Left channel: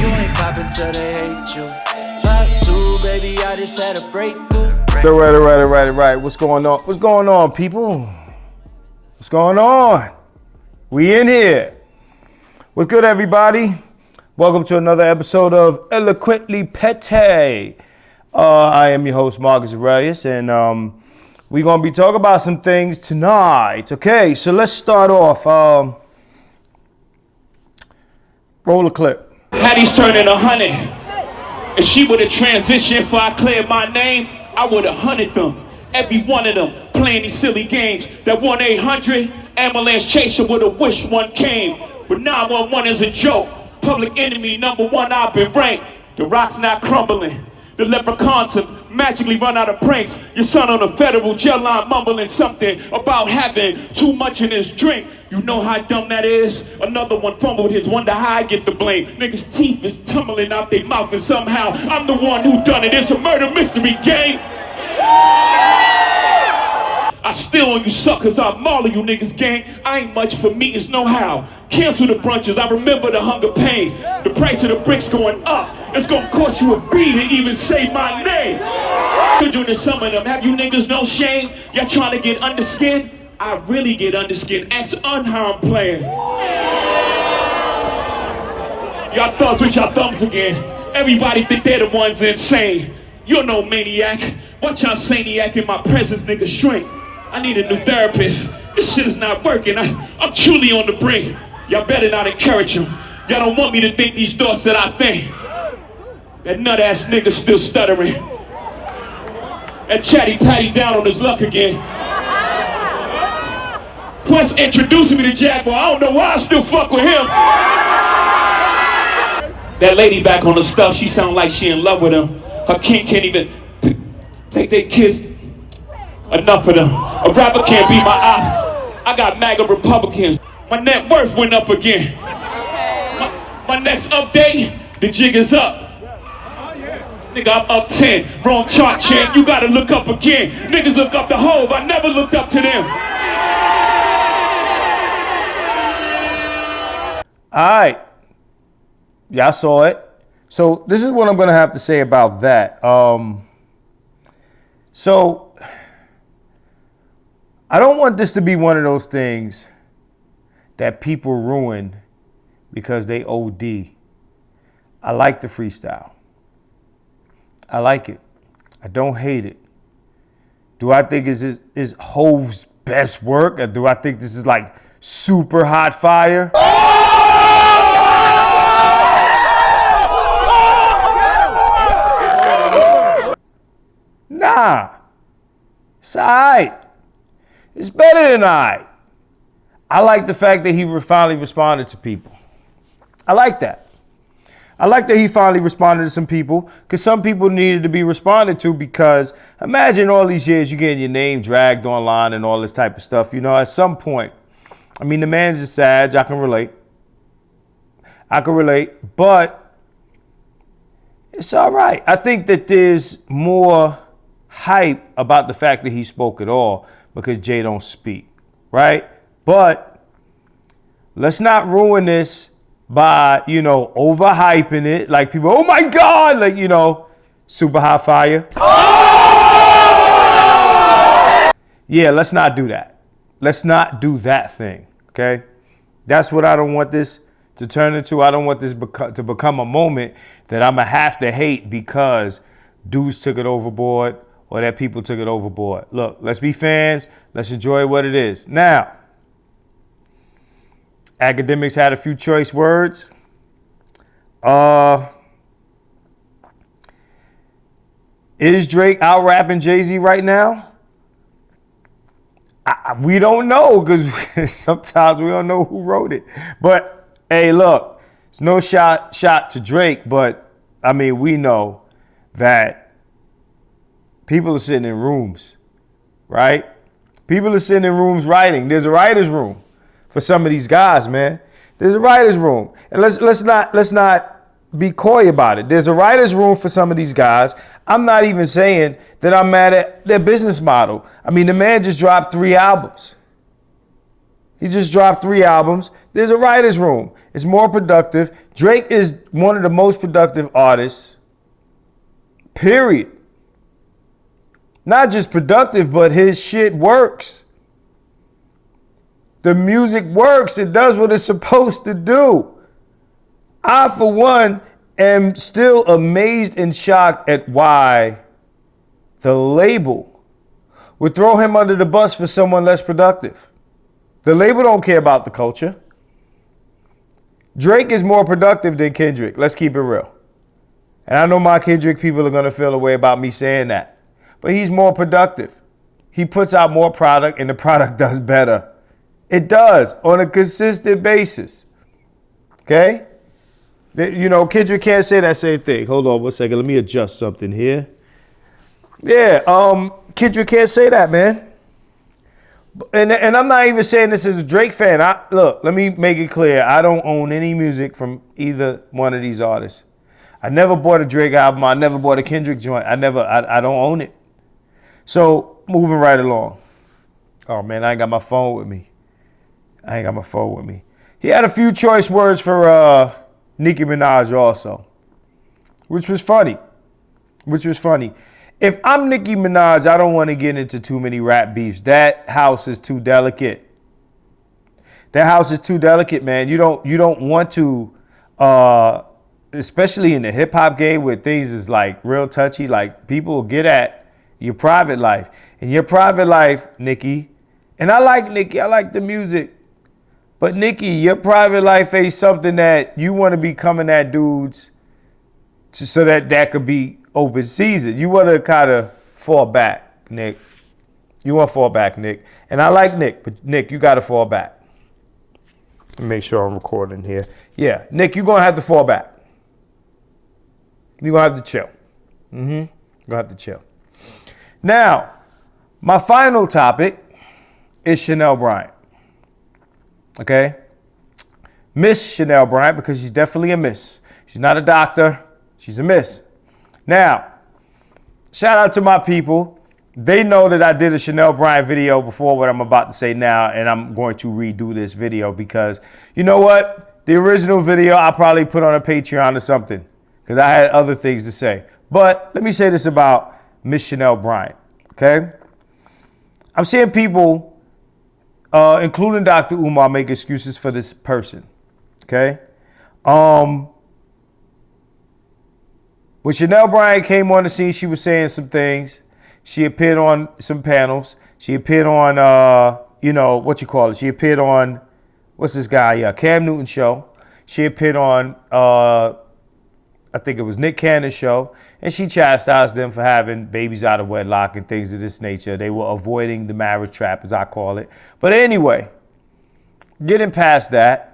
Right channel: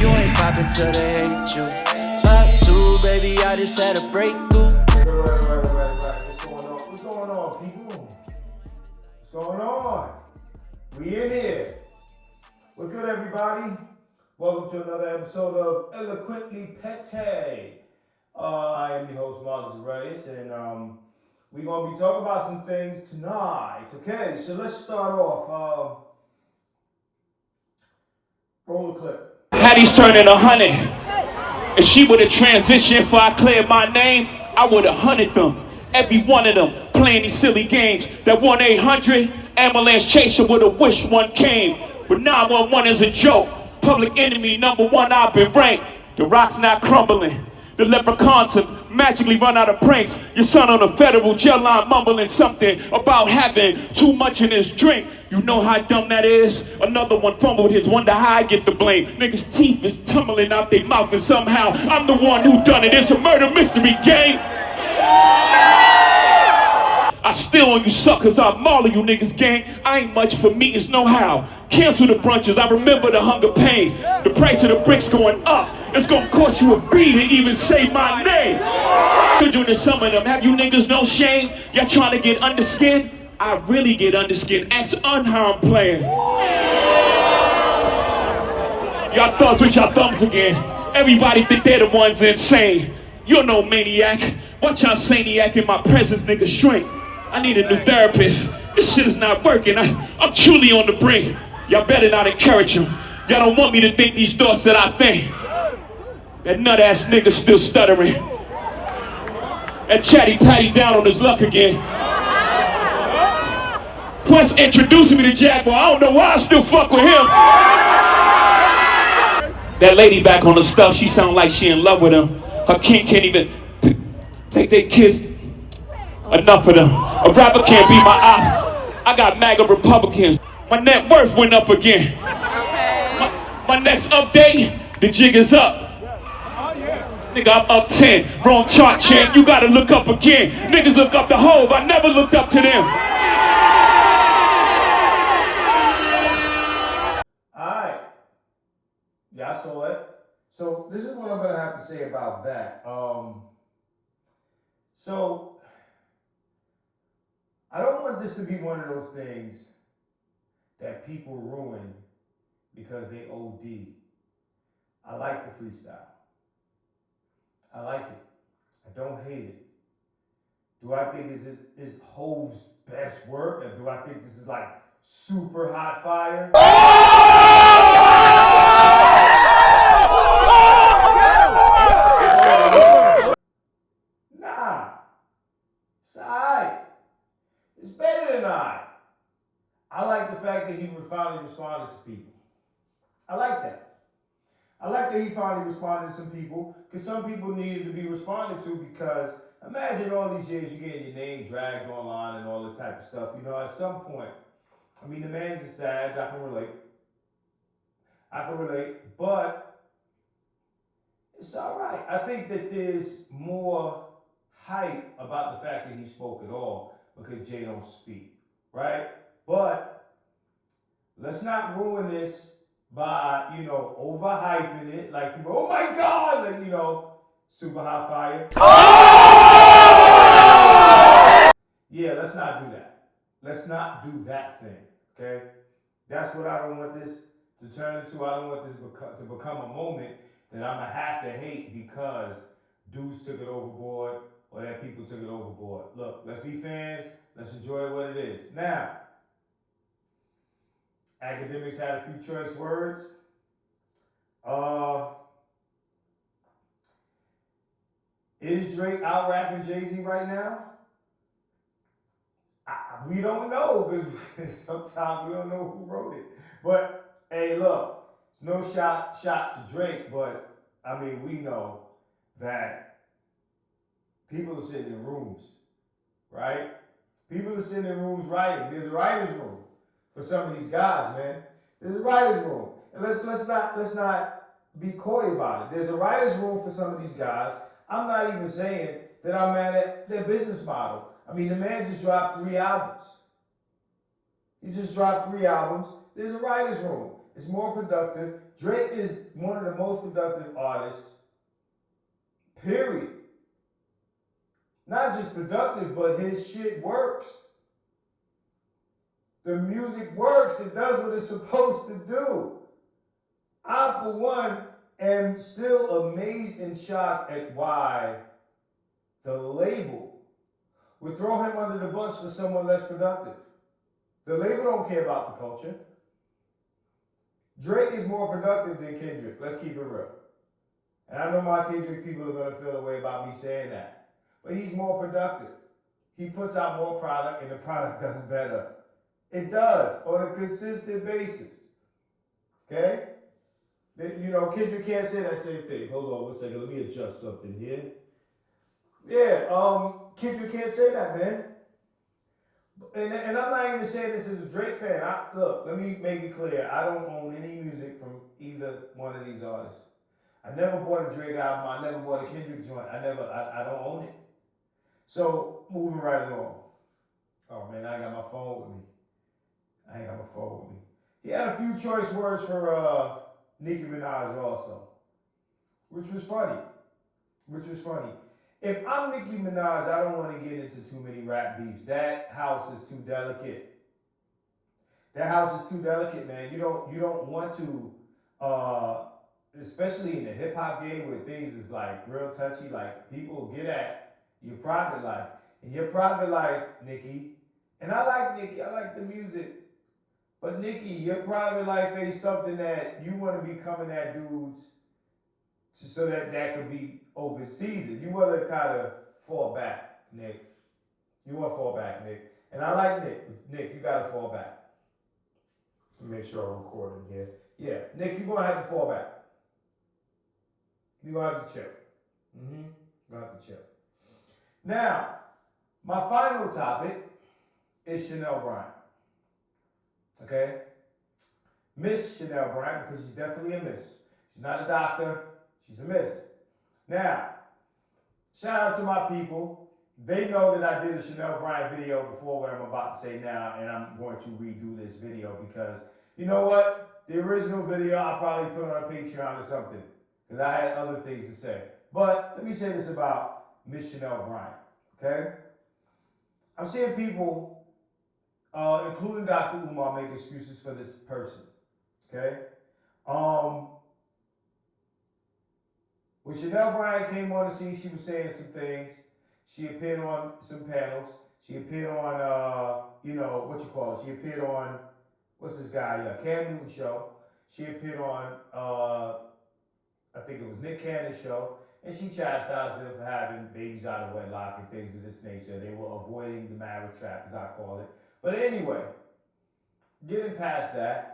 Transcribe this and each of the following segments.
You ain't poppin' till they hate you. Pop two, baby, I just had a breakthrough. All right. What's going on? What's going on, people? What's going on? We in here. What's good, everybody? Welcome to another episode of Eloquently Pete. I am your host, Marcus Aurelius, and we're going to be talking about some things tonight. Okay, so let's start off. Roll a clip. Hattie's turning 100. If she would have transitioned before I cleared my name, I would have hunted them. Every one of them playing these silly games. That 1-800 ambulance chaser would have wished one came. But 911 is a joke. Public enemy #1, I've been ranked. The rock's not crumbling. The leprechauns have magically run out of pranks. Your son on a federal jail line mumbling something about having too much in his drink. You know how dumb that is? Another one fumbled his, wonder how I get the blame. Niggas' teeth is tumbling out their mouth and somehow I'm the one who done it. It's a murder mystery game. I still on you suckers, I maul you niggas, gang. I ain't much for meetings, no how. Cancel the brunches, I remember the hunger pains. The price of the bricks going up. It's gonna cost you a beat to even say my name. Could you to some of them, have you niggas no shame? Y'all trying to get underskin? I really get underskin. Ask unharmed player. Y'all thugs with y'all thumbs again. Everybody think they're the ones insane. You're no maniac. Watch y'all saniac in my presence, nigga shrink. I need a new therapist. This shit is not working. I'm truly on the brink. Y'all better not encourage him. Y'all don't want me to think these thoughts that I think. That nut ass nigga still stuttering. That chatty patty down on his luck again. Quest introducing me to Jaguar. I don't know why I still fuck with him. That lady back on the stuff, she sound like she in love with him. Her king can't even take their kids. Enough of them. A rapper can't be my op. I got MAGA Republicans. My net worth went up again. My next update, the jig is up. Nigga, I'm up 10. Wrong chart, champ. You gotta look up again. Niggas look up to Hove. I never looked up to them. All right. Y'all saw it. So this is what I'm going to have to say about that. So I don't want this to be one of those things that people ruin because they OD. I like the freestyle. I like it. I don't hate it. Do I think is Hove's best work? Or do I think this is like super hot fire? Nah. It's all right. It's better than all right. I like the fact that he finally responded to people. I like that. I like that he finally responded to some people because some people needed to be responded to because imagine all these years you getting your name dragged online and all this type of stuff. You know, at some point, I mean, the man's just sad. I can relate. But it's all right. I think that there's more hype about the fact that he spoke at all because Jay don't speak, right? But let's not ruin this by, overhyping it. Like people, oh my God, like, super hot fire. Oh! Yeah, let's not do that. Let's not do that thing, okay? That's what I don't want this to turn into. I don't want this to become a moment that I'm going to have to hate because dudes took it overboard or that people took it overboard. Look, let's be fans. Let's enjoy what it is. Now, academics had a few choice words. Is Drake out rapping Jay-Z right now? We don't know because sometimes we don't know who wrote it. But hey, look, it's no shot to Drake, but I mean, we know that people are sitting in rooms, right? People are sitting in rooms writing. There's a writer's room for some of these guys, man. There's a writer's room. And let's not be coy about it. There's a writer's room for some of these guys. I'm not even saying that I'm mad at their business model. I mean, the man just dropped 3 albums. He just dropped 3 albums. There's a writer's room. It's more productive. Drake is one of the most productive artists, period. Not just productive, but his shit works. The music works. It does what it's supposed to do. I, for one, am still amazed and shocked at why the label would throw him under the bus for someone less productive. The label don't care about the culture. Drake is more productive than Kendrick. Let's keep it real. And I know my Kendrick people are going to feel a way about me saying that. But he's more productive. He puts out more product and the product does better. It does on a consistent basis. Okay? You know, Kendrick can't say that same thing. Hold on 1 second. Let me adjust something here. Yeah, Kendrick can't say that, man. And I'm not even saying this as a Drake fan. Look, let me make it clear. I don't own any music from either one of these artists. I never bought a Drake album. I never bought a Kendrick joint. I don't own it. So, moving right along. Oh, man, I ain't got my phone with me. He had a few choice words for Nicki Minaj also, which was funny. If I'm Nicki Minaj, I don't want to get into too many rap beefs. That house is too delicate. Man. You don't want to, especially in the hip hop game where things is like real touchy. Like people will get at your private life. In your private life, Nicki, and I like Nicki. I like the music. But Nicki, your private life ain't something that you want to be coming at dudes so that could be open season. You want to kind of fall back, Nick. You want to fall back, Nick. And I like Nick, but Nick, you got to fall back. Let me make sure I'm recording here. Yeah, Nick, you're going to have to fall back. You're going to have to chill. You're going to have to chill. Now, my final topic is Chanel Bryant. Okay? Miss Chanel Bryant, because she's definitely a miss. She's not a doctor. She's a miss. Now, shout out to my people. They know that I did a Chanel Bryant video before what I'm about to say now, and I'm going to redo this video because, you know what? The original video I probably put on a Patreon or something because I had other things to say. But let me say this about Miss Chanel Bryant, okay? I'm seeing people, including Dr. Umar, make excuses for this person, okay? When Chanel Bryant came on the scene, she was saying some things. She appeared on some panels. She appeared on, She appeared on, what's this guy? Yeah, Cam Newton's show. She appeared on, I think it was Nick Cannon's show. And she chastised them for having babies out of wedlock and things of this nature. They were avoiding the marriage trap, as I call it. But anyway, getting past that,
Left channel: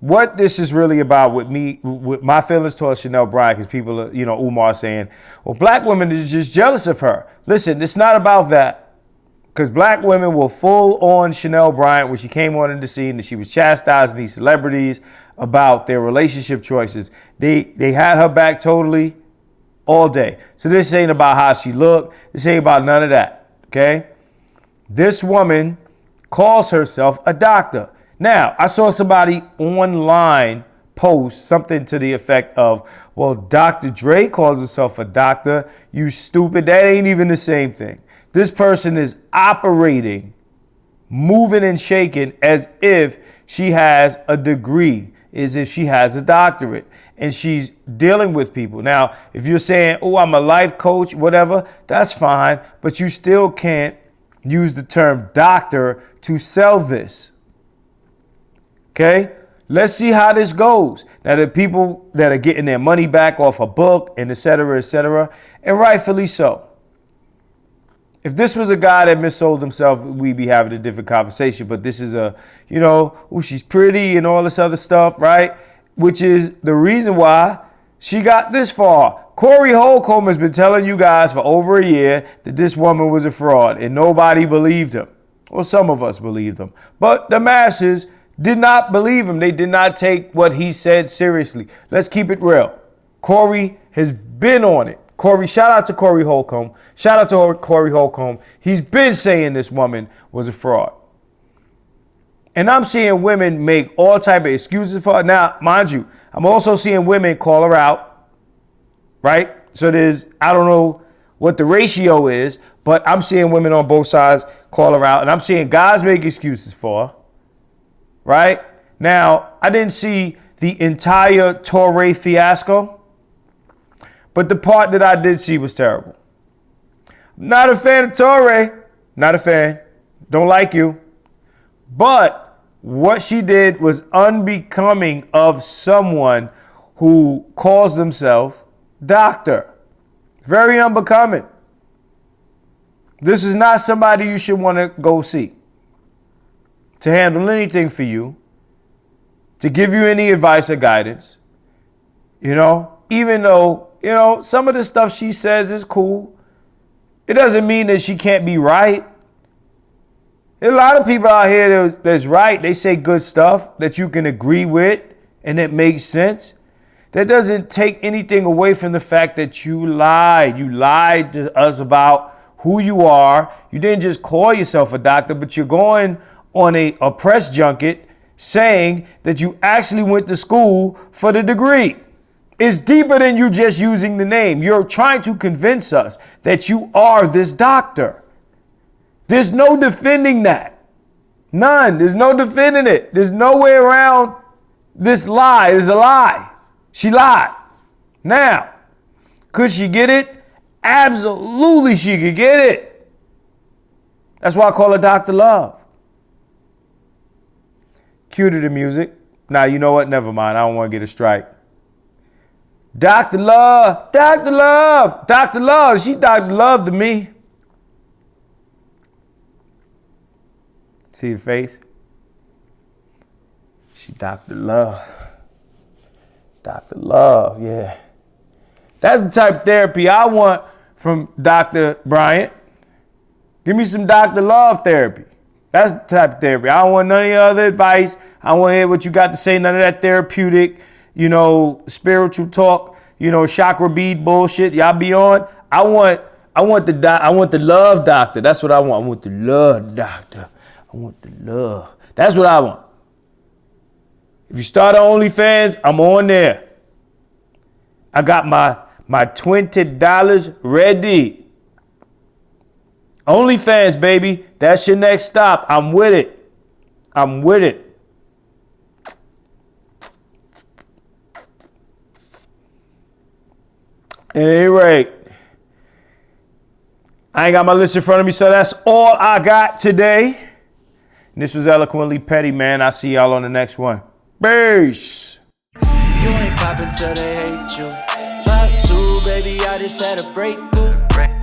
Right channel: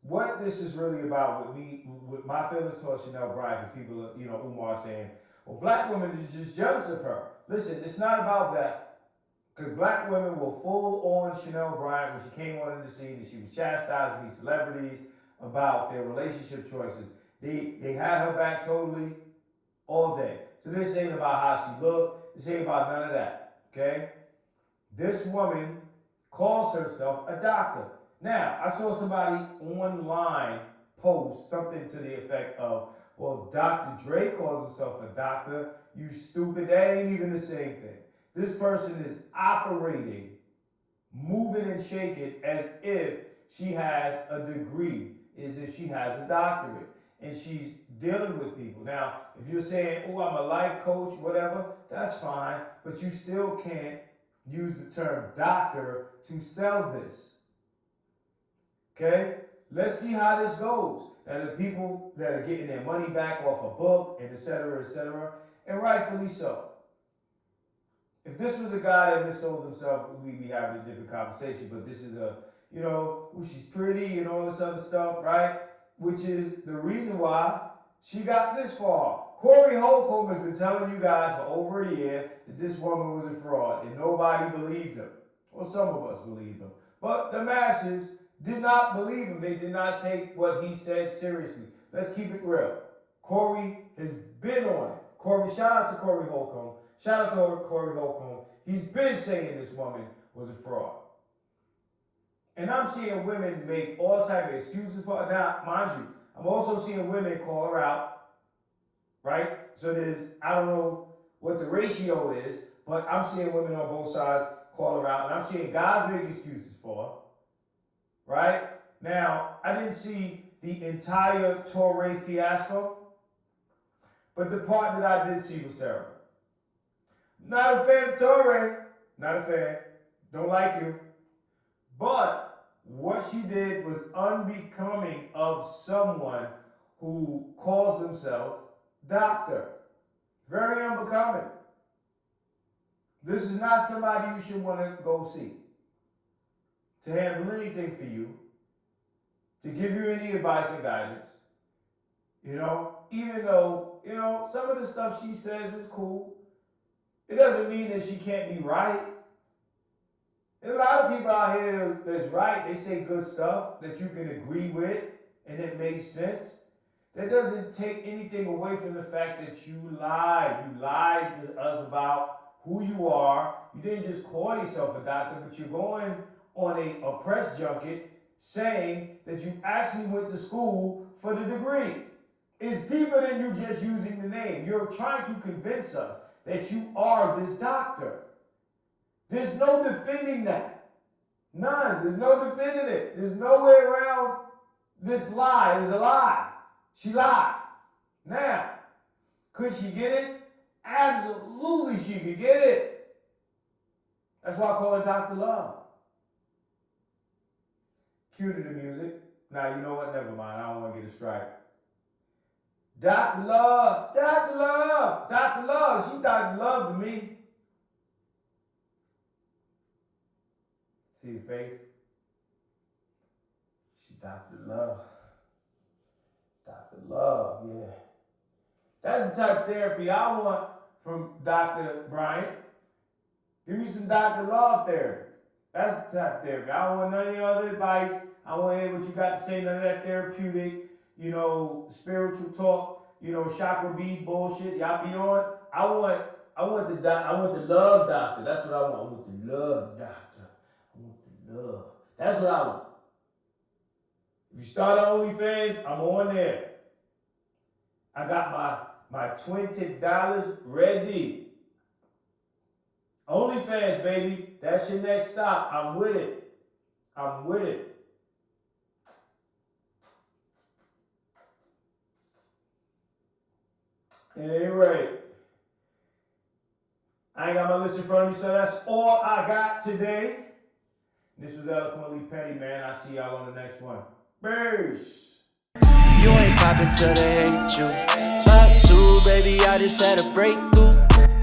what this is really about with my feelings towards Chanel Bryant, because people are, Umar saying, well, black women is just jealous of her. Listen, it's not about that. Because black women were full on Chanel Bryant when she came on in the scene and she was chastising these celebrities about their relationship choices. They had her back totally all day. So this ain't about how she looked. This ain't about none of that, okay? This woman calls herself a doctor. Now, I saw somebody online post something to the effect of, well, Dr. Dre calls herself a doctor. You stupid. That ain't even the same thing. This person is operating, moving and shaking as if she has a degree, as if she has a doctorate, and she's dealing with people. Now, if you're saying, oh, I'm a life coach, whatever, that's fine, but you still can't use the term doctor to sell this. Okay, let's see how this goes. Now, the people that are getting their money back off a book and et cetera, and rightfully so. If this was a guy that missold himself, we'd be having a different conversation. But this is she's pretty and all this other stuff, right? Which is the reason why she got this far. Corey Holcomb has been telling you guys for over a year that this woman was a fraud, and nobody believed him. Well, some of us believed him. But the masses did not believe him. They did not take what he said seriously. Let's keep it real. Corey has been on it. Shout out to Corey Holcomb. Shout out to Corey Holcomb. He's been saying this woman was a fraud. And I'm seeing women make all type of excuses for her. Now, mind you, I'm also seeing women call her out, right? So I don't know what the ratio is, but I'm seeing women on both sides call her out. And I'm seeing guys make excuses for her, right? Now, I didn't see the entire Torre fiasco, but the part that I did see was terrible. Not a fan of Torre. Not a fan. Don't like you. But what she did was unbecoming of someone who calls themselves doctor. Very unbecoming. This is not somebody you should want to go see to handle anything for you, to give you any advice or guidance. You know, even though, you know, some of the stuff she says is cool, it doesn't mean that she can't be right. There's a lot of people out here that's right. They say good stuff that you can agree with and it makes sense. That doesn't take anything away from the fact that you lied. You lied to us about who you are. You didn't just call yourself a doctor, but you're going on a press junket saying that you actually went to school for the degree. It's deeper than you just using the name. You're trying to convince us that you are this doctor. There's no defending that. None. There's no defending it. There's no way around this lie. It's a lie. She lied. Now, could she get it? Absolutely she could get it. That's why I call her Dr. Love. Cue to the music. Now, you know what? Never mind. I don't want to get a strike. Dr. Love, Dr. Love, Dr. Love. She Dr. Love to me. See the face? She Dr. Love. Dr. Love, yeah. That's the type of therapy I want from Dr. Bryant. Give me some Dr. Love therapy. That's the type of therapy. I don't want none of your other advice. I don't want to hear what you got to say, none of that therapeutic, you know, spiritual talk, you know, chakra bead bullshit y'all be on. I want the love doctor. That's what I want. I want the love doctor. I want the love. That's what I want. If you start OnlyFans, I'm on there. I got my $20 ready. OnlyFans, baby. That's your next stop. I'm with it. I'm with it. At any rate, I ain't got my list in front of me, so that's all I got today. And this was Eloquently Petty, man. I'll see y'all on the next one. Peace. You ain't poppin' till they hate you. Pop two, baby, I just had a breakthrough.